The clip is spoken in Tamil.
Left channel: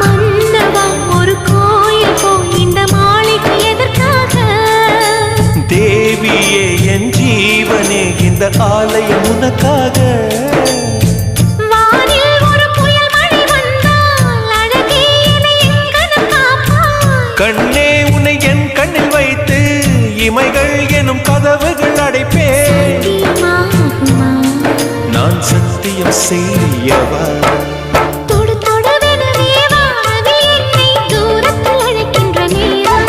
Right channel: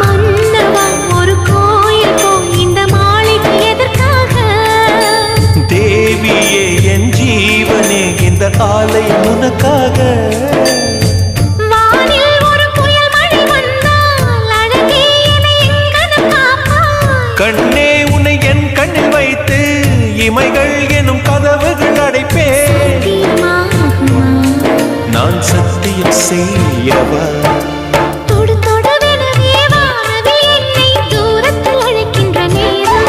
மன்னவா ஒரு கோயில் இந்த மாளிகை எதற்காக? தேவியே என் ஜீவனே இந்த ஆலயம் உனக்காக. வானில் ஒரு புயல் மழை வந்தால் அழகே என்னை எங்கனம் காப்பாய். கண்ணே உன்னை என் கண்ணில் வைத்து இமைகள் எனும் கதவுகள் அடைப்பேன். நான் சத்தியம் செய்யவா? தொடு தொடுவெனவே வானவில் என்னை தூரத்தில் அழைக்கின்ற நேரம்.